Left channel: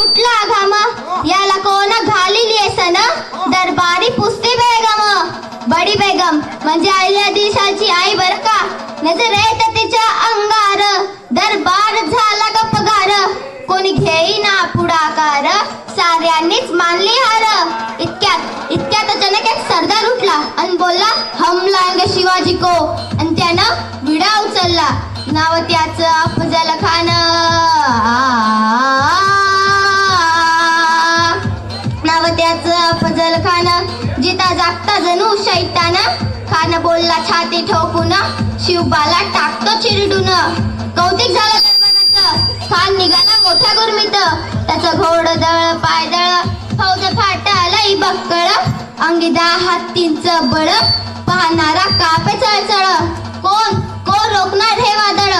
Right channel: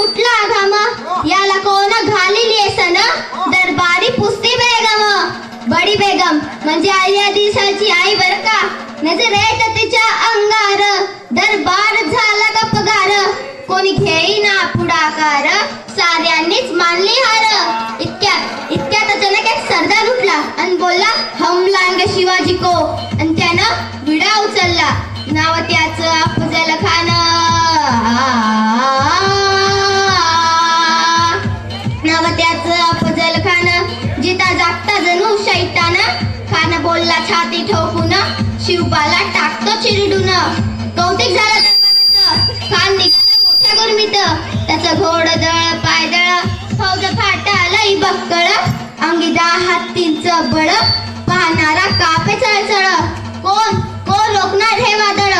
सुटला घाम? याला कोण घालिली सन दरबारी पुसती बेगम. बडी बेगम. म्हणजे आल्या दिशाची आई बर का? नजर येत तिच्या अंगार. दरबार झाला का पगार कोणी घेईना पुढाकार. साऱ्यांनीच मानली हार. इतक्यात इतक्यात अचानक एक सरदार उठला आणि बोलला हम लांग शिवाजी को. आणि त्यानं विडा उचलला. नाव त्याचं बोलला छाती ठोकून. शिवबाला टाकतो चिरडून. कौतिक झालं दरबाराचं खान निघाला मोठा गुरमीत. त्याचं घोड दळ पायदळ फौज आलं बक्कळ. अंगी दहा हत्तींचं बळ. पाहणारा कापे चळचळ. कोण? कोण रोखणार हे वादळ?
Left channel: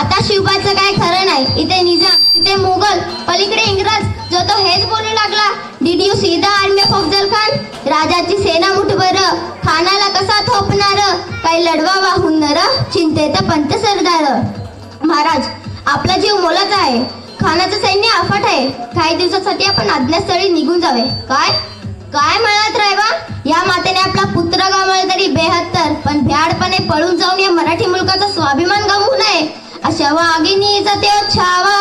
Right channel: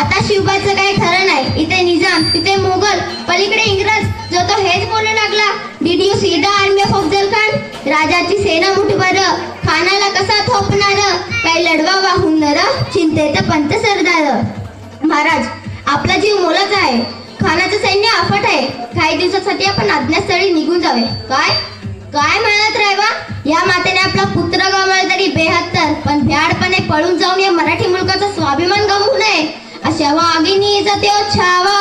आता शिवबाचं काय खरं नाही. इथे निजाम तिथे मोगल पलीकडे इंग्रज. जो तो हेच बोलू लागला. Did you see the army of Afzal Khan राजाची कसा थोपणार? काही लढवा वाहून नर चिंतेत पंत सरदार. महाराज आपला जीव मोलाचा आहे. खानाचं सैन्य अफाट आहे. काही दिवसासाठी आपण अज्ञातस्थळी निघून जावे. काय? काय म्हणत रायबा या मातेने आपला पुत्र गमावला तरी बेहत्तर पण भ्याडपणे पळून जाऊन या मराठी मुलकाचा स्वाभिमान गमवू नये. अशा वाघिणीचा त्यो छावा.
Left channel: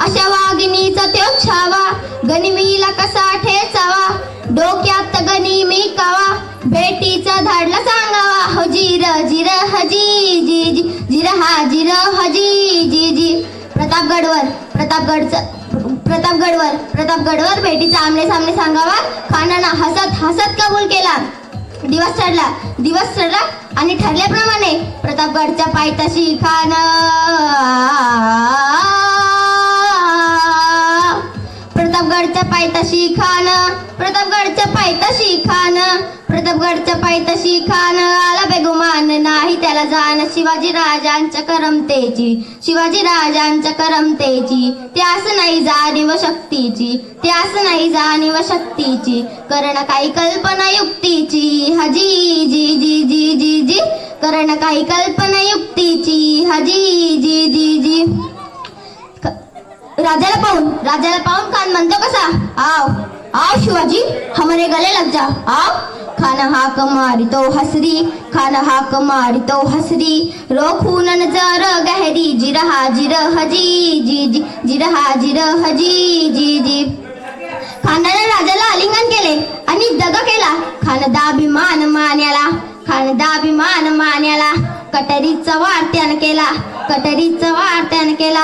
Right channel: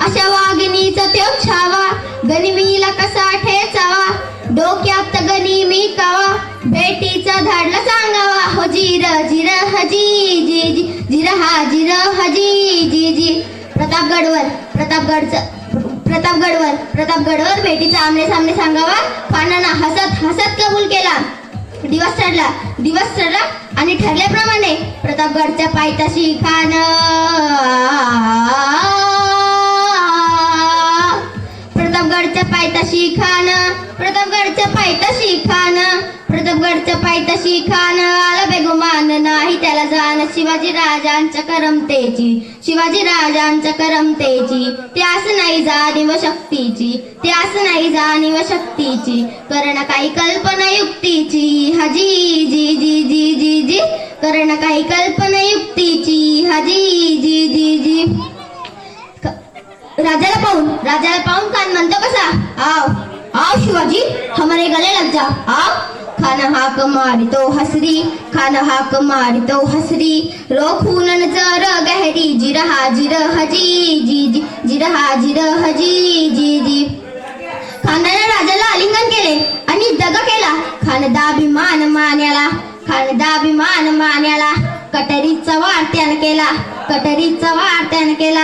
अशा वाघिणीचा त्यो छावा. गनिमीला कसा ठेचावा? डोक्यात गनिमी कवा? भेटीचा धाडला सांगावा. हो जिर जिर हजी जी जी जिर हा जिर हजी जी जी प्रतापगडवर प्रतापगडचं प्रतापगडवर प्रतापगडवर भेटीचा आमने सामने सांगावा. खानाना हसत हसत कबूल केला. दिवस ठरला दिवस ठरला आणि ठरल्याप्रमाणे प्रतापगडच्या पायथ्याशी खान प्रतापगडच्या पायथ्याशी खान प्रतापगडच्या पायथ्याशी खान प्रतापगडच्या पायथ्याशी खान आला बेगुमान नाही त्याला जाण. शिवाजी राजांच्या करमतेची शिवाजी राजांच्या करमतेची. त्यास नाही जाणीव शक्तीची त्यास नाही जाणीव शक्तीची. करण काही कल्पना युक्तीची. हजी जी जी जी जी जी. करण काही कल्पना युक्तीची. हजी जी जी जी. राजाला पाहून राजाला पाहून खान म्हणतो कसा? आओ आओ शिवाजी हमारे गले लग जा. आओ खान कमारी तो हसरी खान कमारी तो हसरी. रोखून जर गहरी जिरहा जिर हजी जी जी जिरहा जिर हजी जी जी. खानाने राजाला आलिंगन केले आणि दगा केला. खानदाभिमान मान्याला खानदा अभिमान मान्याला. कटरीचा वार त्यानं केला कटरीचा वार त्यानं केला.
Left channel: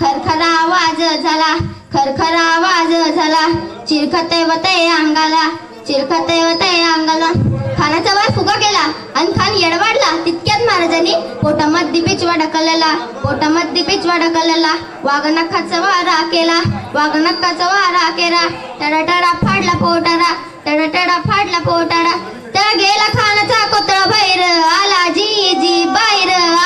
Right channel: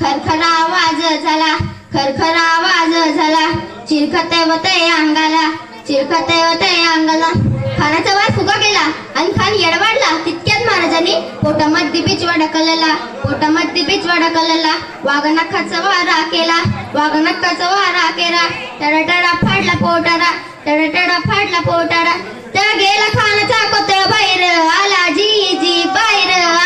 खरखरा आवाज झाला खरखरा आवाज झाला. चिरखते होते अंगाला चिरखते होते अंगाला. खानाचा वार फुगा केला आणि खान येडवाडला. तितक्यात महाराजांनी पोटामध्ये बिचवा ढकलला पोटामध्ये बिचवा ढकलला वाघनखाचा वारा केला वाघनखाचा वारा केला. टडटडा फाडला पोटारा टडटडा फाडला पोटारा. त्या गेला खानाचा कोतळा बाहेर आला जी जी बाहेर.